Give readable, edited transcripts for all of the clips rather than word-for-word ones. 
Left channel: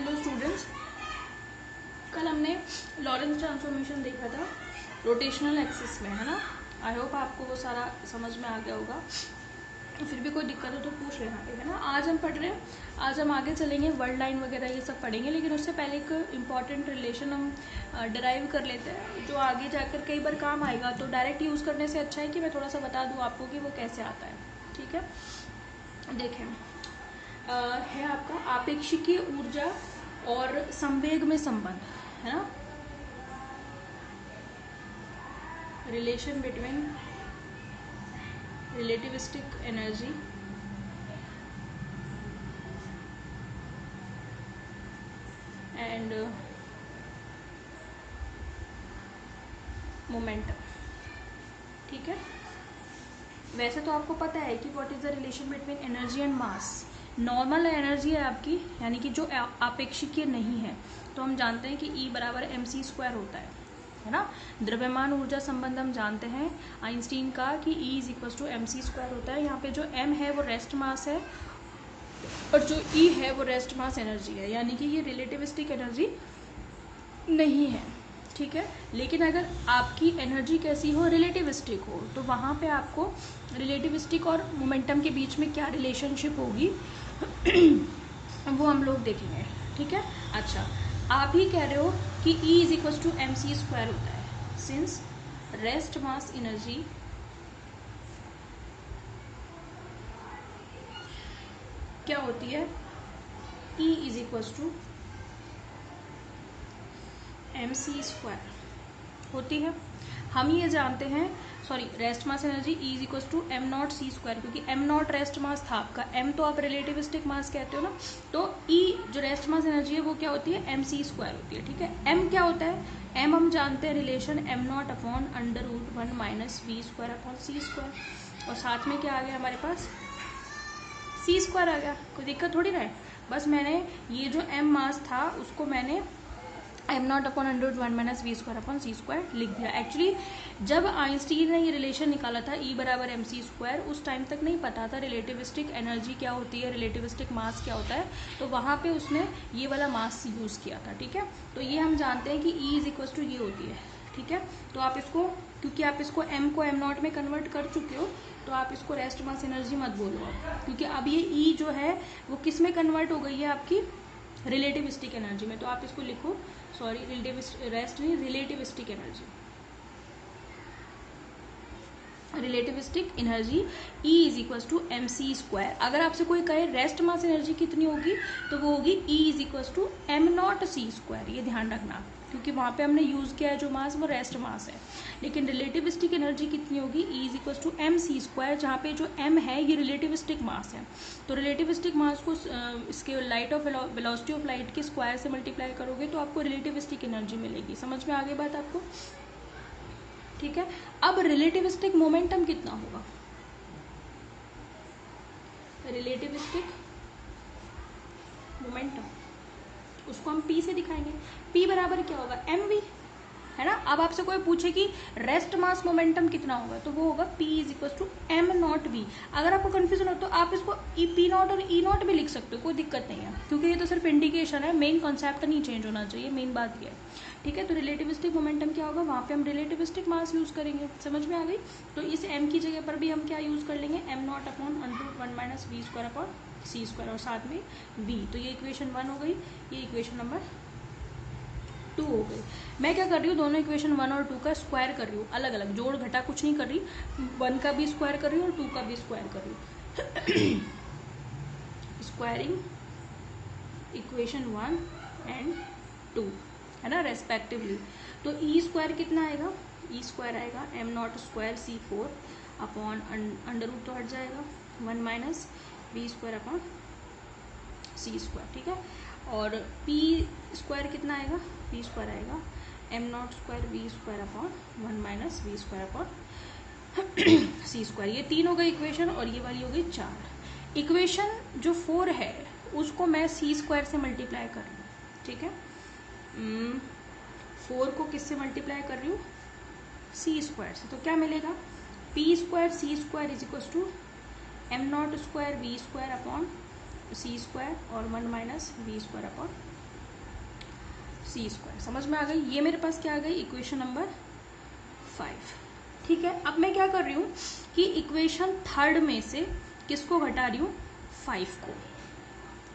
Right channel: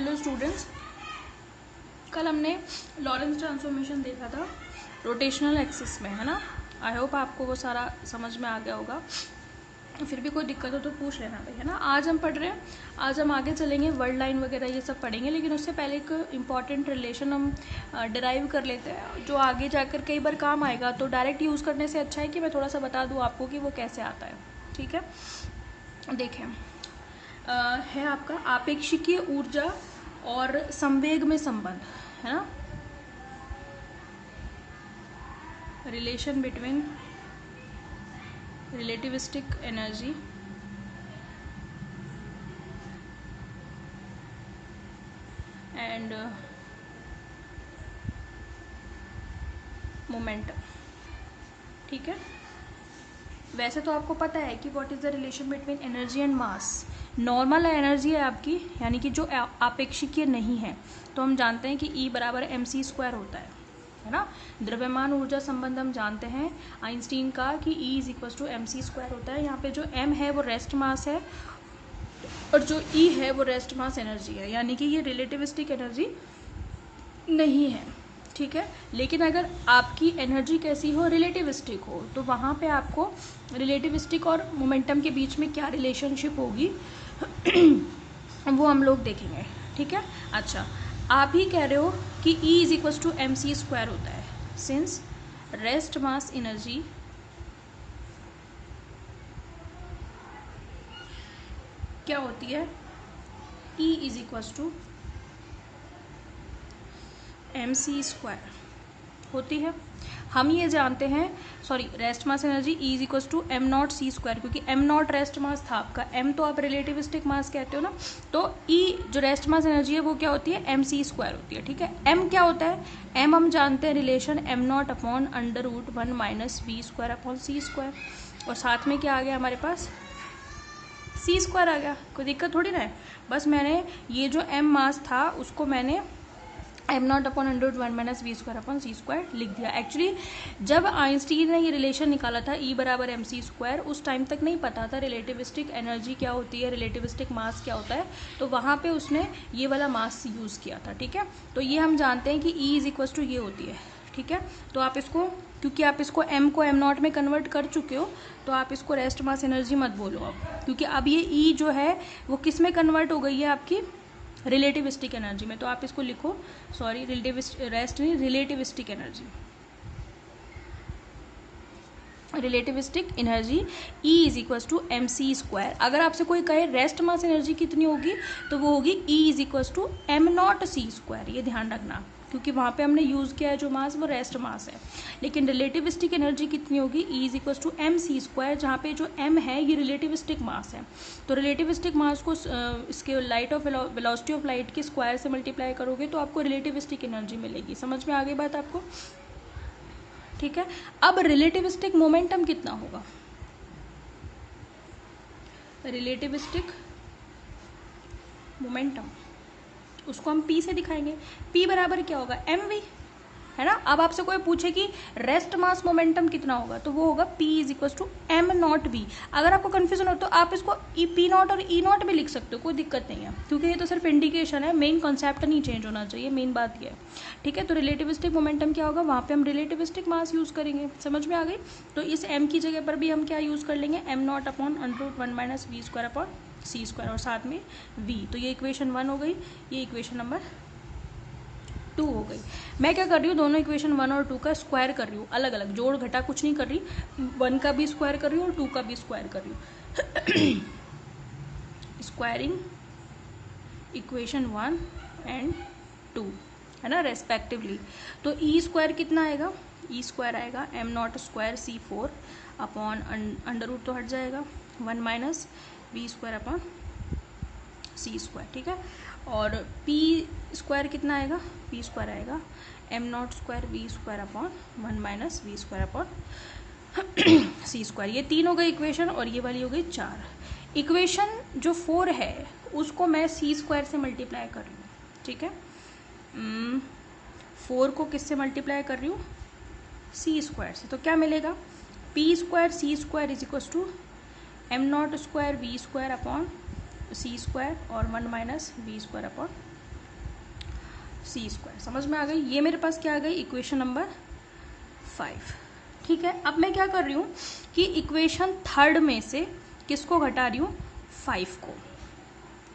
Hello students, कल हमने Lorentz transformation देखा था रोटेशनल एक्सिस में, है ना। आई होप आपको वो सारा समझ में आ गया होगा। फिर भी कोई दिक्कत हो तो पूछ लेना, है ना। आज हम पढ़ रहे हैं, आज हम आगे चलेंगे, वर्ड लाइन वगैरह ये सब पढ़ेंगे, लेकिन उससे पहले एक इम्पॉर्टेंट रिलेशन हम डिराइव कर लेते हैं जो आगे जाकर कई बार काम आएगा। तो डायरेक्ट यूज़ करने से अच्छा है कि मैं थोड़ा सा बता दूँ आपको कि वो कैसे आता है। ठीक है, देखें, है आपका आपेक्षिकीय ऊर्जा और संवेग में संबंध, है ना। Relation between relativistic energy and momentum. ठीक है, वैसे तो आपको पता है कि what is the relation between energy and mass. Normal energy है आपकी, यानी कि जो आपेक्षिकीय नहीं है, तो हम जानते हैं कि E बराबर mc² होता है ना। द्रव्यमान ऊर्जा संबंध हम जानते हैं आइंस्टीन का कि E is equal to mc² होता है। यहाँ पे जो m है वो रेस्ट मास है और जो E है वो रेस्ट मास एनर्जी है, यानी कि ये रिलेटिविस्टिक एनर्जी नहीं है। ठीक है, लेकिन अगर आपकी एनर्जी कैसी हो, रिलेटिविस्टिक हो, तो वहाँ पे आपको रिलेटिविस्टिक और मोमेंटम के बीच में क्या रिलेशनशिप होगी वो हम लोग देखेंगे। ठीक है, अच्छा, आप ही कह रहे हो कि E is equal to mc² होता है, सिंस रेस्ट मास एनर्जी क्या होती है, E is equal to mc² होती है। हम ये जानते हैं, sorry, rest mass energy E is equal to m0c², क्योंकि m0 रेस्ट मास था आपका, m तो आप रिलेटिविस्टिक मास कहते हो ना, तो E जो रेस्ट मास एनर्जी है वो क्या होती है, mc² होती है। ठीक है, m क्या होता है, m हम जानते हैं relation m0 upon √1 minus v² upon c², और साथ में क्या आ गया हमारे पास, c² आ गया। कोई दिक्कत थोड़ी ना है, बस मैंने ये जो m मास था उसको मैंने m0 upon √1 minus v² upon c² लिख दिया। एक्चुअली जब आइंस्टीन ने ये रिलेशन निकाला था E बराबर mc², उस टाइम तक नहीं पता था रिलेटिविस्टिक एनर्जी क्या होती है, रिलेटिविस्टिक मास क्या होता है, तो वहाँ पे उसने ये वाला मास यूज़ किया था। ठीक है, तो ये हम जानते हैं कि E इज इक्वल टू ये होती है। ठीक है, तो आप इसको, क्योंकि आप इसको m को m0 में कन्वर्ट कर चुके हो, तो आप इसको रेस्ट मास एनर्जी मत बोलो अब, क्योंकि अब ये E जो है वो किस में कन्वर्ट हो गई है, आपकी रिलेटिविस्टिक एनर्जी में। तो आप इसको लिखो, सॉरी, रेस्ट नहीं, relativistic energy, relativistic energy E is equal to mc²। अगर आपसे कोई कहे रेस्ट मास एनर्जी कितनी होगी, तो वो होगी E is equal to m0c²। ये ध्यान रखना, क्योंकि वहाँ पे हमने यूज़ किया है जो मास वो रेस्ट मास है। लेकिन रिलेटिविस्टिक एनर्जी कितनी होगी, E is equal to mc², जहाँ पे जो m है ये रिलेटिविस्टिक मास है। तो रिलेटिविस्टिक मास को इसके light of velocity of light के स्क्वायर से मल्टीप्लाई करोगे तो आपको रिलेटिविस्टिक एनर्जी मिलेगी। समझ में आ गई बात आपको। ठीक है, अब रिलेटिविस्टिक मोमेंटम कितना होगा, रिलेटिविस्टिक मोमेंटम उसको हम P से दिखाएंगे। P बराबर क्या होगा, mv, है ना। अब आपसे कोई पूछे कि रेस्ट मास मोमेंटम कितना होगा, तो वो होगा P is equal to m0v। अगर आपको कंफ्यूजन हो तो आप इसको P0 और E0 भी लिख सकते हो, कोई दिक्कत नहीं है, क्योंकि ये तो सिर्फ इंडिकेशन है, मेन कॉन्सेप्ट नहीं चेंज होना चाहिए, मेन बात ये है। ठीक है, तो रिलेटिविस्टिक मोमेंटम क्या होगा, वहाँ पे हम रिलेटिविस्टिक मास यूज करेंगे। समझ में आ गई। तो इस m की जगह पर भी हम क्या यूज कर लेंगे, m0 upon √1 minus v² upon c², और साथ में v। तो ये इक्वेशन 1 हो गई, ये इक्वेशन नंबर 2 हो गई। मैं क्या कर रही हूँ, दोनों इक्वेशन 1 और 2 का स्क्वायर कर रही हूँ, अलग अलग, जोड़ घटा कुछ नहीं कर रही, 1 का भी स्क्वायर कर रही हूँ और 2 का भी स्क्वायर कर रही हूँ। स्क्वायरिंग इक्वेशन 1 एंड 2, है ना, रेस्पेक्टिवली। तो E² कितना आएगा, E² आएगा m0² c4 अपॉन √ तो हट जाएगा 1 माइनस v² अपॉन c²। ठीक है, और P² कितना आएगा, P² आएगा m0² v² upon 1 minus v² upon c²। ये 3 हो गई इक्वेशन, और ये वाली हो गई 4। इक्वेशन जो 4 है उसको मैं c² से मल्टीप्लाई कर रही हूँ। ठीक है, 4 को किससे मल्टीप्लाई कर रही हूँ, c² से, तो क्या मिलेगा, P² c² is equal to m0² v² upon c² और 1 minus v² upon C square. समझ में आ गई? ये मेरे पास क्या आ गई? Equation number 5। ठीक है, अब मैं क्या कर रही हूँ कि इक्वेशन थर्ड में से किसको घटा रही हूँ? 5 को।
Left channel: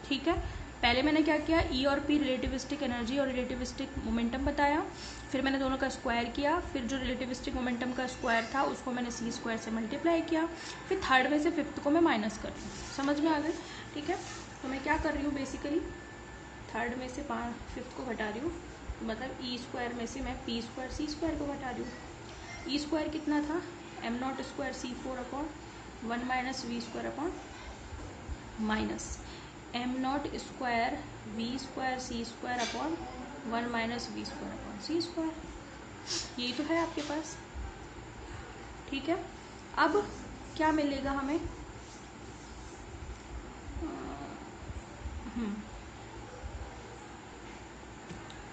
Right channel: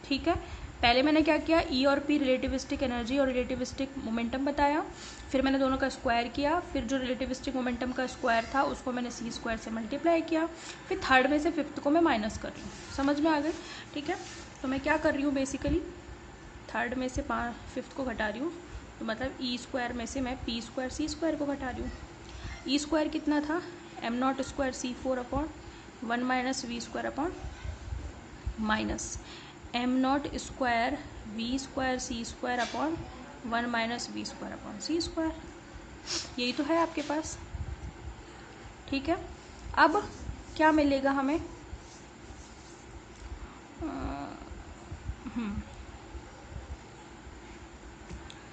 ठीक है, पहले मैंने क्या किया? ई और पी रिलेटिविस्टिक एनर्जी और रिलेटिविस्टिक मोमेंटम बताया, फिर मैंने दोनों का स्क्वायर किया, फिर जो रिलेटिविस्टिक मोमेंटम का स्क्वायर था उसको मैंने सी स्क्वायर से मल्टीप्लाई किया, फिर थर्ड में से फिफ्थ को मैं माइनस कर रही हूँ। समझ में आ गई? ठीक है, तो मैं क्या कर रही हूँ बेसिकली, थर्ड में से फिफ्थ को घटा रही हूँ, तो मतलब ई स्क्वायर में से मैं पी स्क्वायर सी स्क्वायर को घटा रही हूँ। ई स्क्वायर कितना था? M not square C 4 upon 1 minus V square upon minus M not square V square C square upon 1 minus V square upon C square. यही तो है आपके पास। ठीक है, अब क्या मिलेगा हमें?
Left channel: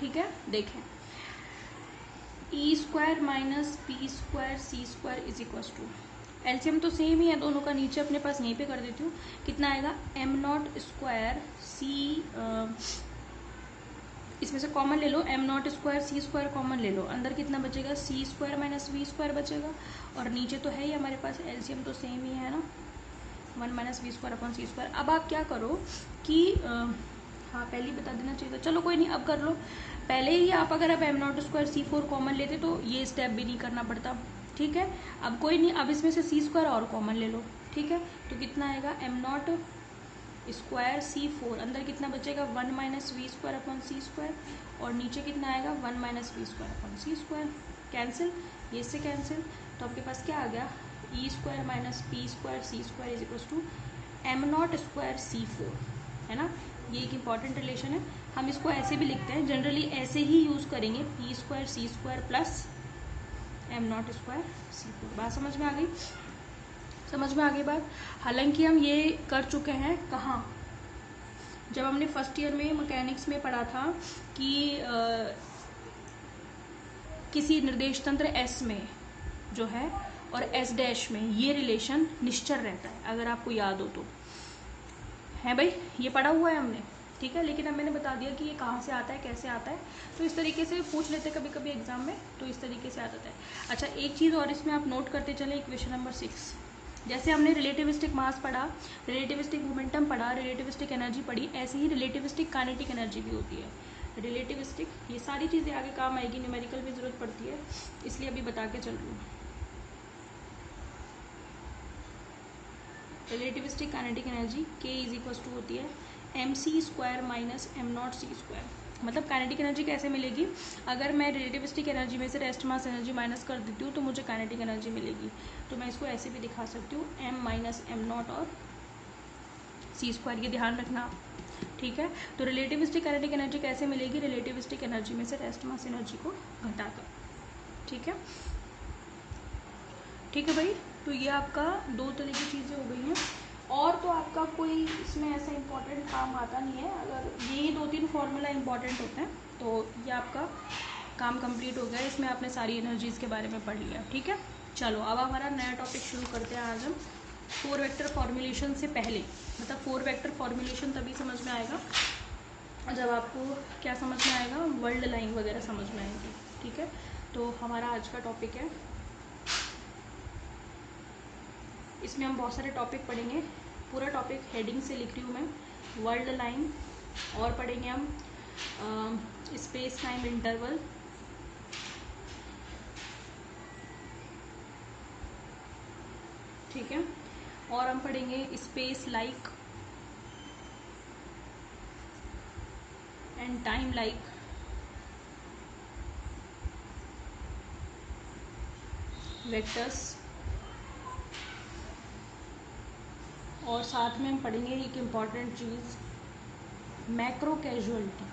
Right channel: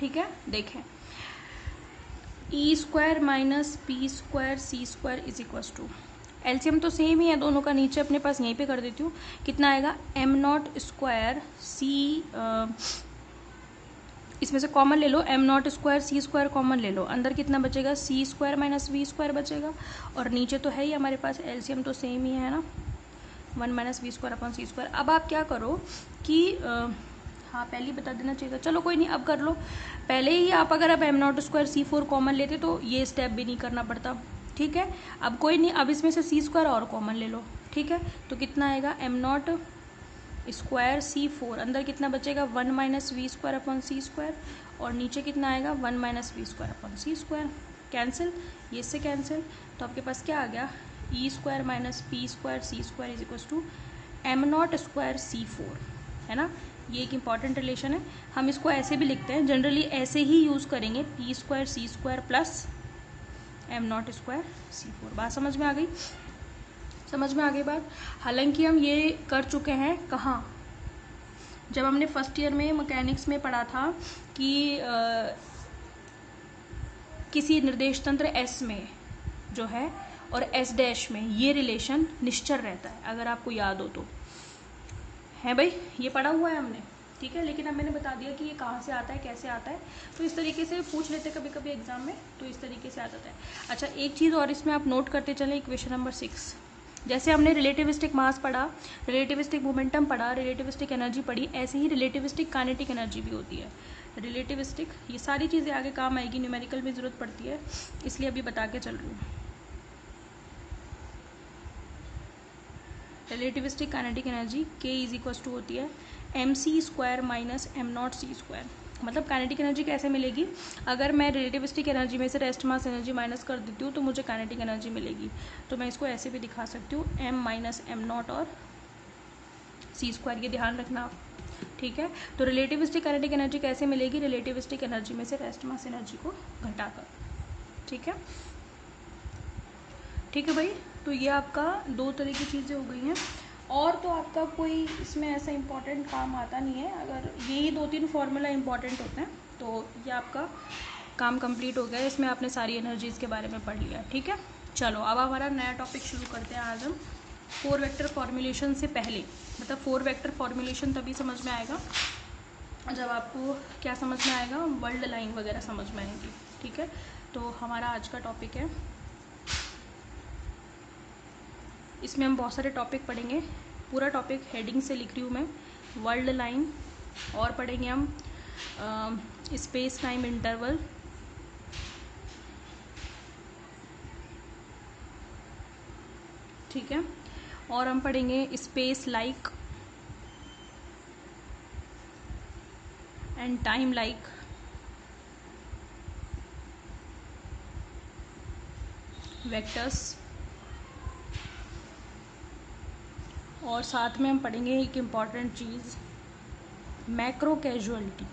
ठीक है, देखें, E square minus P square C square is equal to, LCM तो सेम ही है दोनों का, नीचे अपने पास यहीं पे कर देती हूँ। कितना आएगा? एम नॉट स्क्वायर सी, इसमें से कॉमन ले लो, M not square C square common ले लो, अंदर कितना बचेगा? C square minus V square बचेगा, और नीचे तो है ही हमारे पास, एलसीएम तो सेम ही है ना, 1 minus V square upon C square. अब आप क्या करो कि हाँ पहले ही बता देना चाहिए था, चलो कोई नहीं, अब कर लो। पहले ही आप अगर आप M not square C 4 common लेते तो ये स्टेप भी नहीं करना पड़ता। ठीक है, अब कोई नहीं, अब इसमें से सी स्क्वायर और कॉमन ले लो। ठीक है, तो कितना आएगा? एम नॉट स्क्वायर सी 4, अंदर कितना बचेगा? 1 minus V square upon C square, और नीचे कितना आएगा? 1 minus V square upon C square. Cancel, ये इससे कैंसिल, तो आपके पास क्या आ गया? E square minus P square C square is equal to M not square C 4, है ना। ये एक इंपॉर्टेंट रिलेशन है, हम इसको ऐसे भी लिखते हैं, जनरली ऐसे ही यूज करेंगे, P square C square plus M not square C 4। बात समझ में आ गई? समझ में आ गई बात? हालांकि हम ये कर चुके हैं कहाँ, जब हमने फर्स्ट ईयर में मैकेनिक्स में पढ़ा था कि किसी निर्देश तंत्र एस में जो है और एस डैश में ये रिलेशन निश्चर रहता है, अगर आपको याद हो तो, है भाई, ये पढ़ा हुआ है हमने। ठीक है, लेकिन अब मैंने बता दिया कि ये कहाँ से आता है, कैसे आता है, तो इस तरीके से पूछ लेते कभी कभी एग्जाम में, तो इस तरीके से आ जाता है। अच्छा, एक चीज़ और इसमें आप नोट करते चले, इक्वेशन नंबर 6, जैसे हमने रिलेटिविस्टिक मास पढ़ा, रिलेटिविस्टिक मोमेंटम पढ़ा, रिलेटिविस्टिक एनर्जी पढ़ी, ऐसे ही रिलेटिविस्टिक काइनेटिक एनर्जी भी होती है। रिलेटिविस्टिक, ये सारी चीज़ें आगे काम आएगी, न्यूमेरिकल भी जरूरत पड़ती है, इसलिए अभी बता के चल रही हूँ। Relativistic kinetic energy K is equal to होती है M C square minus M naught C square. मतलब काइनेटिक एनर्जी कैसे मिलेगी? अगर मैं रिलेटिविस्टिक एनर्जी में से रेस्ट मास एनर्जी माइनस कर देती हूँ तो मुझे काइनेटिक एनर्जी मिलेगी। तो मैं इसको ऐसे भी दिखा सकती हूँ, एम माइनस एम नॉट और सी स्क्वायर, ये ध्यान रखना आप। ठीक है, तो रिलेटिविस्टिक काइनेटिक एनर्जी कैसे मिलेगी? रिलेटिविस्टिक एनर्जी में से रेस्ट मास एनर्जी को घटाकर। ठीक है, ठीक है भाई, तो ये आपका दो तरह की चीज़ें हो गई हैं, और तो आपका कोई इसमें ऐसा इंपॉर्टेंट काम आता नहीं है, अगर यही 2-3 फॉर्मूला इंपॉर्टेंट होते हैं तो ये आपका काम कंप्लीट हो गया। इसमें आपने सारी एनर्जीज के बारे में पढ़ लिया। ठीक है, चलो अब हमारा नया टॉपिक शुरू करते हैं। आज हम 4 वेक्टर फॉर्मुलेशन से पहले, मतलब 4 वेक्टर फॉर्मुलेशन तभी समझ में आएगा जब आपको क्या समझ में आएगा, वर्ल्ड लाइन वगैरह समझ में आएगी। ठीक है, तो हमारा आज का टॉपिक है, इसमें हम बहुत सारे टॉपिक पढ़ेंगे, पूरा टॉपिक हेडिंग से लिख रही हूँ मैं, वर्ल्ड लाइन, और पढ़ेंगे हम स्पेस टाइम इंटरवल, ठीक है, और हम पढ़ेंगे space like and time like vectors, और साथ में हम पढ़ेंगे एक इम्पॉर्टेंट चीज़, मैक्रो कैजुअलिटी।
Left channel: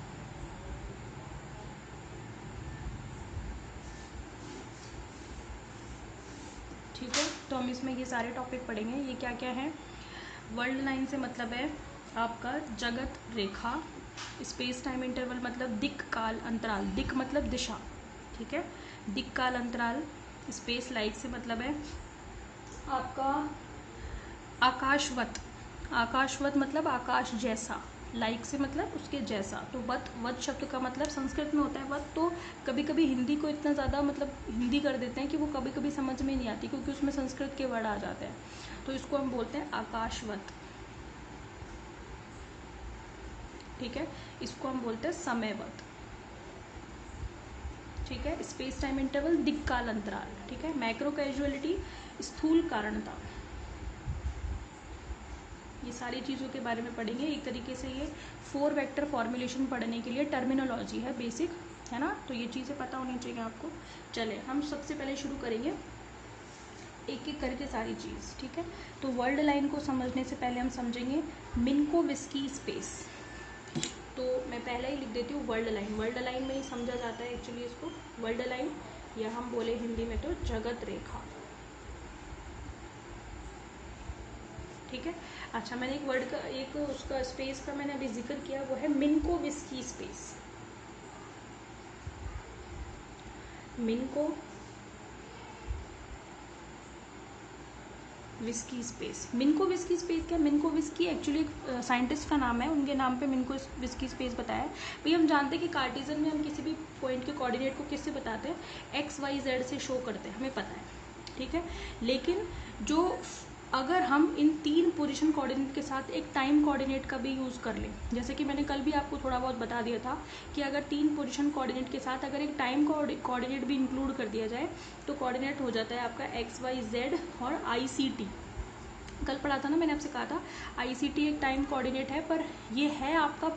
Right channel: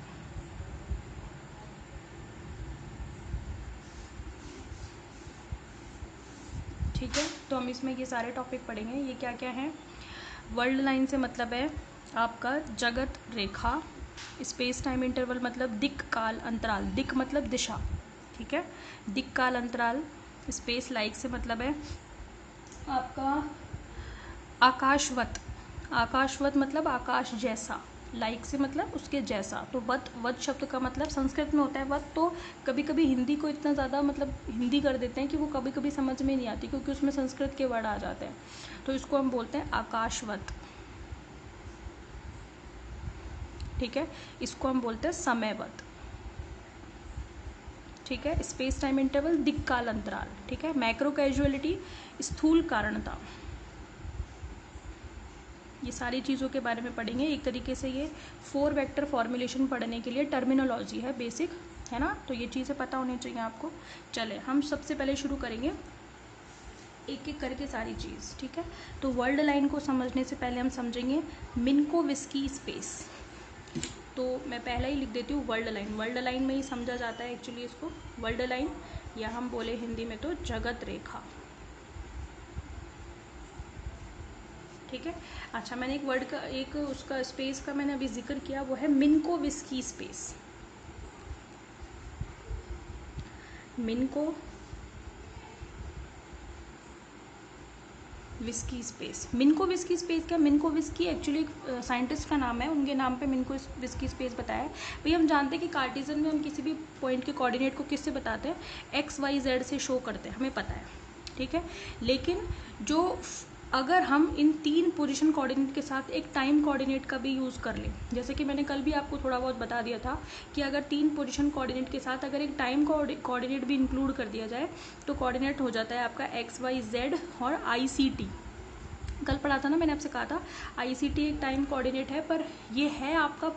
ठीक है, तो हम इसमें ये सारे टॉपिक पढ़ेंगे। ये क्या क्या है? वर्ल्ड लाइन से मतलब है आपका जगत रेखा, स्पेस टाइम इंटरवल मतलब दिक् काल अंतराल, दिक् मतलब दिशा, ठीक है, दिक् काल अंतराल। स्पेस लाइक से मतलब है आपका आकाशवत, आकाशवत मतलब आकाश जैसा, लाइक से मतलब उसके जैसा। तो वत, वत शब्द का मतलब संस्कृत में होता है वत। तो कभी कभी हिंदी को इतना ज़्यादा मतलब हिंदी कर देते हैं कि वो कभी कभी समझ में नहीं आती, क्योंकि उसमें संस्कृत के वर्ड आ जाते हैं। तो इसको हम बोलते हैं आकाशवत, ठीक है। इसको हम बोलते हैं समयवत, ठीक है। स्पेस टाइम इंटरवल, दिक्काल अंतराल, ठीक है। मैक्रो कैजुअलिटी, स्थूल कारणता, ये सारी चीज़ों के बारे में पढ़ेंगे। एक तरीके से ये 4 वेक्टर फॉर्मुलेशन पढ़ने के लिए टर्मिनोलॉजी है, बेसिक है ना। तो ये चीज़ें पता होनी चाहिए आपको। चले हम सबसे पहले शुरू करेंगे एक एक करके सारी चीज़, ठीक है। तो वर्ल्ड लाइन को समझने से पहले हम समझेंगे मिन्कोविस्की स्पेस। तो मैं पहले ही लिख देती हूँ वर्ल्ड लाइन। वर्ल्ड लाइन में ही समझा जाता है एक्चुअली इसको, वर्ल्ड लाइन, या हम बोले हिंदी में तो जगत रेखा, ठीक है। अच्छा, मैंने एक वर्ड का, एक उसका स्पेस का मैंने अभी जिक्र किया, वो है मिन्कोविस्की स्पेस। मिन्कोविस्की स्पेस, मिन्कोविस्की स्पेस क्या, मिन्कोविस्की एक्चुअली एक साइंटिस्ट का नाम है, उनके नाम पे मिन्कोविस्की स्पेस बताया। भाई हम जानते हैं कि कार्टेशियन में हम किसी भी पॉइंट के कोऑर्डिनेट को किससे बताते हैं, एक्स वाई जेड से शो करते हैं, हमें पता है, ठीक है। लेकिन जो अगर हम इन 3 पोजीशन कोऑर्डिनेट के साथ एक टाइम कोऑर्डिनेट का भी यूज़ कर लें, जैसे कि मैंने कल भी आपको थोड़ा बहुत बता दिया था कि अगर 3 पोजीशन कोऑर्डिनेट के साथ अगर एक टाइम कोऑर्डिनेट भी इंक्लूड कर दिया जाए तो कोऑर्डिनेट हो जाता है आपका एक्स वाई जेड और ICT। कल पढ़ा था ना, मैंने आपसे कहा था ICT एक टाइम कोऑर्डिनेट है, पर ये है आपका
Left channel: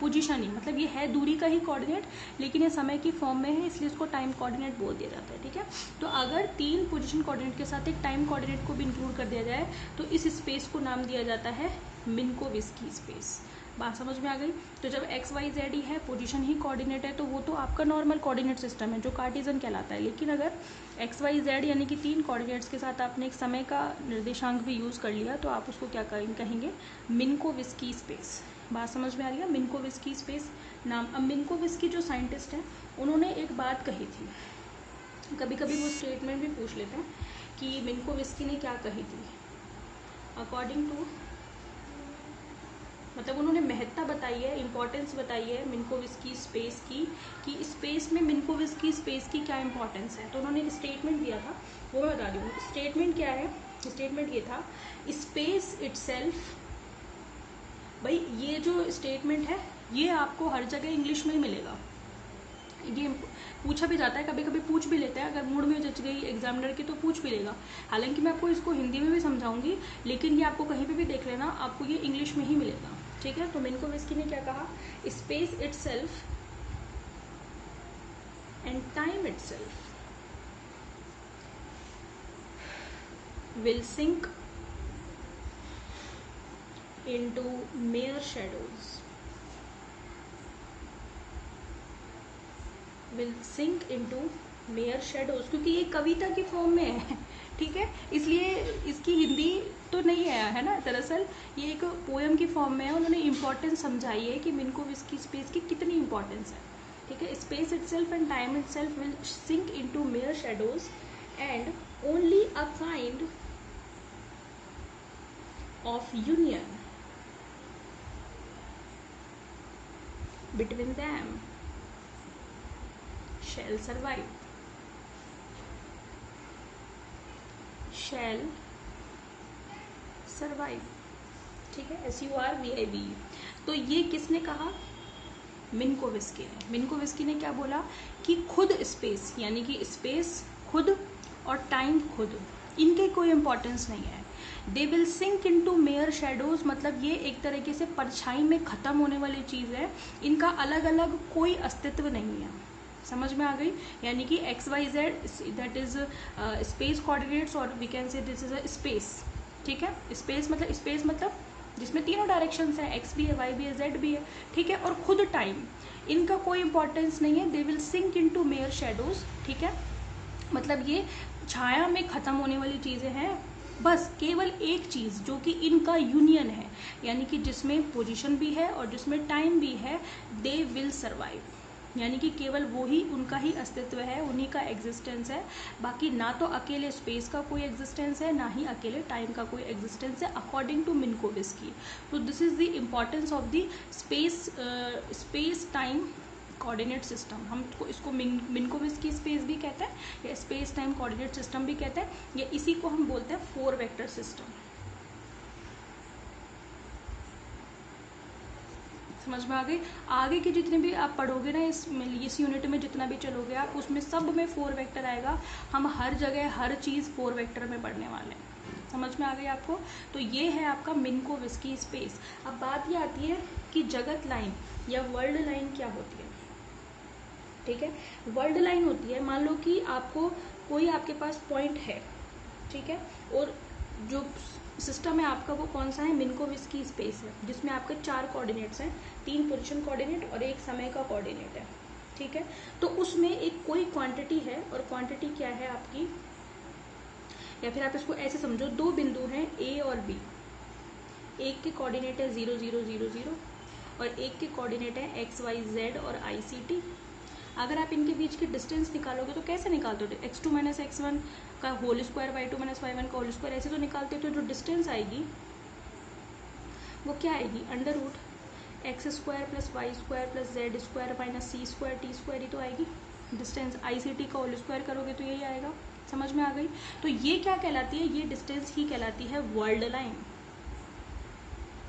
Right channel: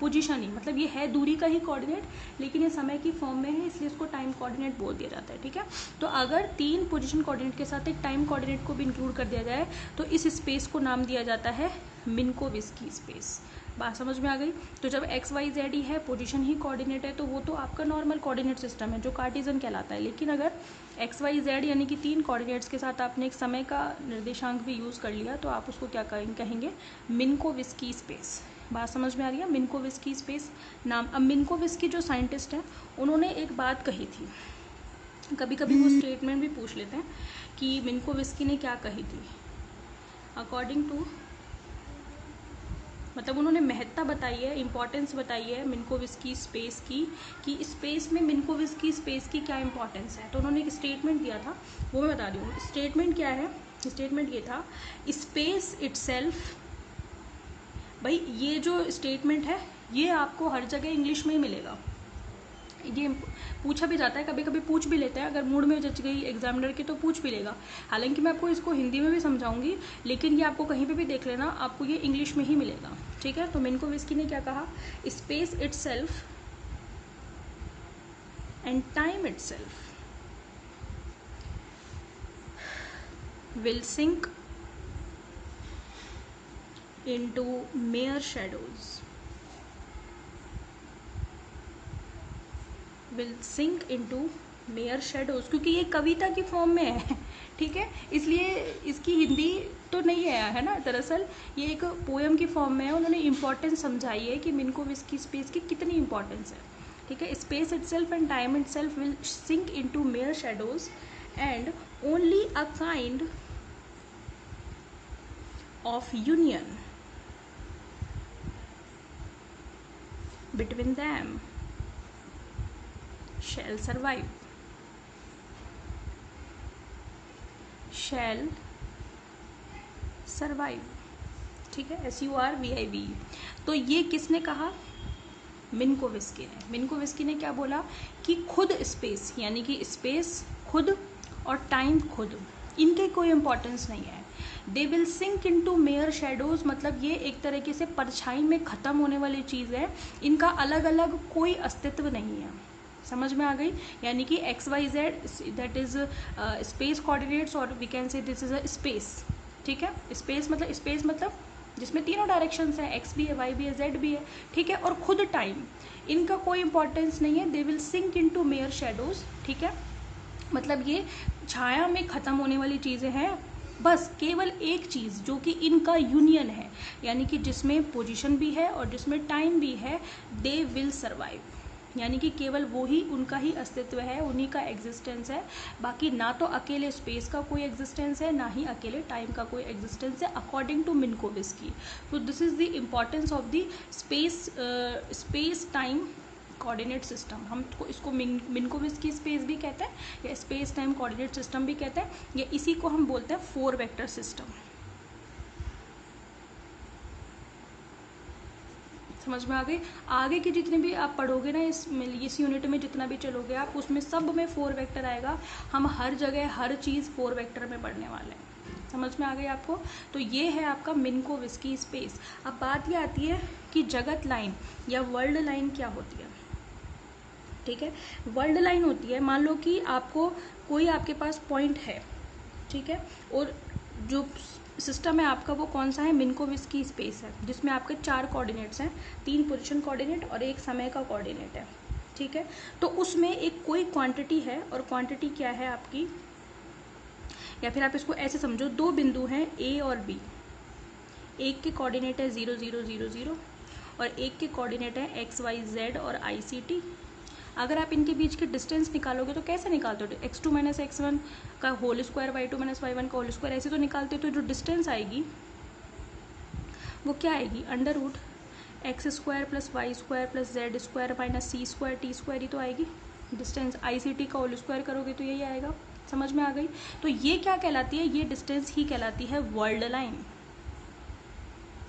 पोजीशन ही, मतलब ये है दूरी का ही कोऑर्डिनेट, लेकिन ये समय की फॉर्म में है, इसलिए इसको टाइम कोऑर्डिनेट बोल दिया जाता है, ठीक है। तो अगर 3 पोजीशन कोऑर्डिनेट के साथ एक टाइम कोऑर्डिनेट को भी इंक्लूड कर दिया जाए तो इस स्पेस को नाम दिया जाता है मिन्कोविस्की स्पेस। बात समझ में आ गई। तो जब एक्स वाई जेड ही है, पोजीशन ही कोऑर्डिनेट है, तो वो तो आपका नॉर्मल कोऑर्डिनेट सिस्टम है जो कार्टेशियन कहलाता है। लेकिन अगर एक्स वाई जेड यानी कि 3 कोऑर्डिनेट्स के साथ आपने एक समय का निर्देशांक भी यूज कर लिया तो आप उसको क्या कहेंगे, मिन्कोविस्की स्पेस। बात समझ में आ रही है, मिन्कोविस्की स्पेस नाम। अब मिन्कोविस्की जो साइंटिस्ट हैं उन्होंने एक बात कही थी, कभी कभी वो स्टेटमेंट भी पूछ लेते हैं कि मिन्कोविस्की ने क्या कही थी। अकॉर्डिंग टू, मतलब उन्होंने महत्ता बताई है, इंपॉर्टेंस बताई है मिन्कोविस्की स्पेस की, कि स्पेस में मिन्कोविस्की स्पेस की क्या इंपॉर्टेंस है। तो उन्होंने एक स्टेटमेंट दिया था, वो मैं बता रही हूँ। स्टेटमेंट क्या है, स्टेटमेंट ये था, स्पेस इटसेल्फ। भाई ये जो स्टेटमेंट है ये आपको हर जगह इंग्लिश में ही मिलेगा, ये पूछा भी जाता है, कभी कभी पूछ भी लेते हैं, अगर मूड में जच गई एग्जामिनर की तो पूछ भी लेगा। हालांकि मैं आपको इसको हिंदी में भी समझाऊंगी, लेकिन ये आपको कहीं पे भी देख लेना, आपको ये इंग्लिश में ही मिलेगा, ठीक है। तो मिन्कोविस्की ने क्या कहा, space itself and time itself will sink into mere shadows, will sink into mere shadows, क्योंकि ये कविता की फॉर्म में है, ठीक है, इसलिए इसकी हिंदी तो नहीं है ना, दरअसल ये एक पोएम की फॉर्म में है। उन्होंने इंपॉर्टेंस समझाई है कि मिन्कोविस्की स्पेस की कितनी इंपॉर्टेंस है, ठीक है। Space itself and time itself will sink into mere shadows and only a kind of union between them shall survive, shall survive, ठीक है, SURVIVE। तो ये किसने कहा, मिन्कोविस्की ने। मिन्कोविस्की ने क्या बोला कि खुद स्पेस, यानी कि स्पेस खुद और टाइम खुद, इनके कोई इंपॉर्टेंस नहीं है। They will sink into mere shadows, मतलब ये एक तरीके से परछाई में खत्म होने वाली चीज है, इनका अलग अलग कोई अस्तित्व नहीं है। समझ में आ गई, यानी कि X Y Z that is space coordinates, और we can say this is a space, ठीक है। स्पेस मतलब जिसमें तीनों डायरेक्शंस हैं, एक्स भी है, वाई भी है, जेड भी है, ठीक है। और खुद टाइम, इनका कोई इंपॉर्टेंस नहीं है। They will sink into mere shadows, ठीक है, मतलब ये छाया में खत्म होने वाली चीजें हैं। बस केवल एक चीज जो कि इनका यूनियन है, यानी कि जिसमें पोजीशन भी है और जिसमें टाइम भी है, दे विल सर्वाइव, यानी कि केवल वो ही, उनका ही अस्तित्व है, उन्हीं का एग्जिस्टेंस है, बाकी ना तो अकेले स्पेस का कोई एग्जिस्टेंस है, ना ही अकेले टाइम का कोई एग्जिस्टेंस है, अकॉर्डिंग टू मिन्कोविस्की। तो this is the importance of the space time coordinate system. हम इसको मिन्कोविस्की स्पेस भी कहते हैं या स्पेस टाइम कोऑर्डिनेट सिस्टम भी कहते हैं, या इसी को हम बोलते हैं 4 वेक्टर सिस्टम। समझ में आ गई। आगे के जितने भी आप पढ़ोगे ना इस यूनिट में, जितना भी चलोगे आप, उसमें सब में 4 वेक्टर आएगा। हम हर जगह हर चीज़ 4 वेक्टर में पढ़ने वाले हैं। समझ में आ गई आपको। तो ये है आपका मिन्कोविस्की स्पेस। अब बात ये आती है कि जगत लाइन या वर्ल्ड लाइन क्या होती है। ठीक है, वर्ल्ड लाइन होती है, मान लो कि आपको कोई आपके पास पॉइंट है, ठीक है, और जो सिस्टम है आपका वो कौन सा है, मिन्कोविस्की स्पेस है, जिसमें आपके 4 कोऑर्डिनेट्स हैं, 3 पोजीशन कोऑर्डिनेट और 1 समय का कोऑर्डिनेट है। ठीक है, तो उसमें एक कोई क्वांटिटी है, और क्वांटिटी क्या है आपकी, या फिर आप इसको ऐसे समझो, 2 बिंदु हैं ए और बी। एक के कोऑर्डिनेट है 0 0 0 0 और एक के कोऑर्डिनेट है एक्स वाई जेड और आई सी टी। अगर आप इनके बीच की डिस्टेंस निकालोगे तो कैसे निकालते हो, x2 माइनस x1 का whole square, y2 minus y1 का होल स्क्वायर, ऐसे तो निकालते हो। तो जो डिस्टेंस आएगी वो क्या आएगी, under root x square plus y square plus z square minus c square t square ही तो आएगी डिस्टेंस। ICT का होल स्क्वायर करोगे तो यही आएगा। समझ में आ गई। तो ये क्या कहलाती है, ये डिस्टेंस ही कहलाती है वर्ल्ड लाइन,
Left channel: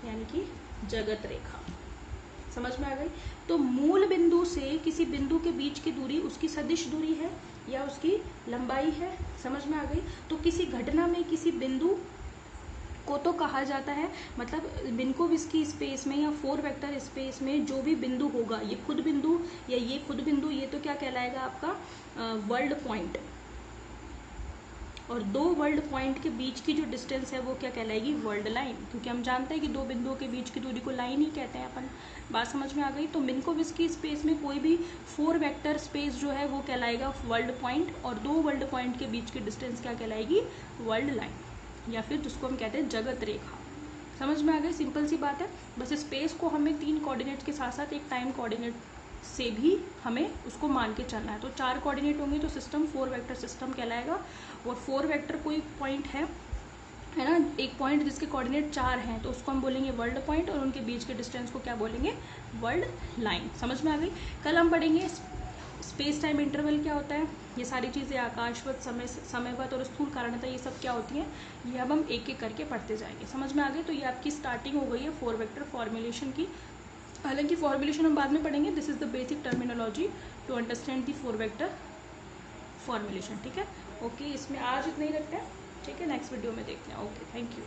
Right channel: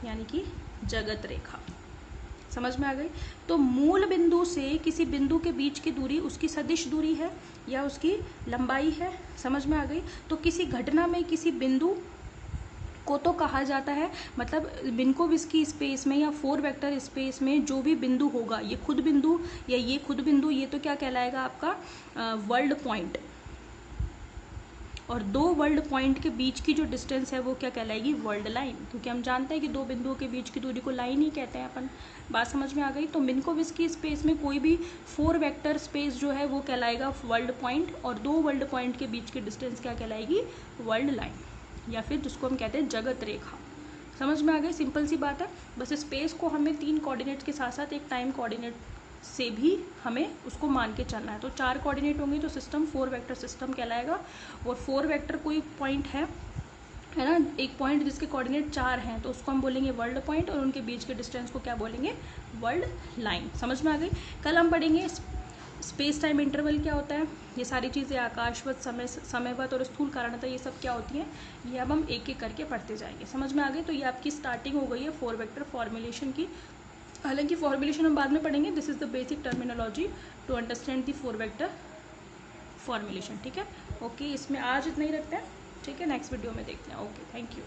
यानी कि जगत रेखा। समझ में आ गई। तो मूल बिंदु से किसी बिंदु के बीच की दूरी उसकी सदिश दूरी है या उसकी लंबाई है। समझ में आ गई। तो किसी घटना में किसी बिंदु को तो कहा जाता है, मतलब मिन्कोविस्की स्पेस में या 4 वेक्टर स्पेस में जो भी बिंदु होगा, ये खुद बिंदु या ये खुद बिंदु, ये तो क्या कहलाएगा आपका वर्ल्ड पॉइंट। और 2 वर्ल्ड पॉइंट के बीच की जो डिस्टेंस है वो क्या कहलाएगी, वर्ल्ड लाइन, क्योंकि हम जानते हैं कि 2 बिंदुओं के बीच की दूरी को लाइन ही कहते हैं अपन। बात समझ में आ गई। तो मिन्कोविस्की स्पेस में कोई भी 4 वेक्टर स्पेस जो है वो कहलाएगा वर्ल्ड पॉइंट, और 2 वर्ल्ड पॉइंट के बीच की डिस्टेंस क्या कहलाएगी, वर्ल्ड लाइन, या फिर जिसको हम कहते हैं जगत रेखा। समझ में आ गई। सिंपल सी बात है। बस स्पेस को हमें 3 कोऑर्डिनेट के साथ साथ एक टाइम कोऑर्डिनेट से भी हमें उसको मान के चलना है। तो 4 कोऑर्डिनेट होंगे तो सिस्टम 4 वेक्टर सिस्टम कहलाएगा। और 4 वेक्टर कोई पॉइंट है ना, एक पॉइंट जिसके कोऑर्डिनेट 4 हैं तो उसको हम बोलेंगे वर्ल्ड पॉइंट, और उनके बीच के डिस्टेंस को क्या बोलेंगे, वर्ल्ड लाइन। समझ में आ गई। कल हम पढ़ेंगे स्पेस टाइम इंटरवल क्या होता है, ये सारी चीज़ें, आकाशवत, समयवत और स्थूल कारणता, ये सब क्या होती हैं, ये अब हम एक एक करके पढ़ते जाएंगे। समझ में आ गई। तो ये आपकी स्टार्टिंग हो गई है 4 वेक्टर फॉर्मुलेशन की। हालांकि फॉर्मुलेशन हम बाद में पढ़ेंगे। This is the basic terminology to understand the 4 vector formulation. ठीक है, ओके, इसमें आज इतना ही रखते हैं। ठीक है, नेक्स्ट वीडियो में देखते हैं। Okay, thank you.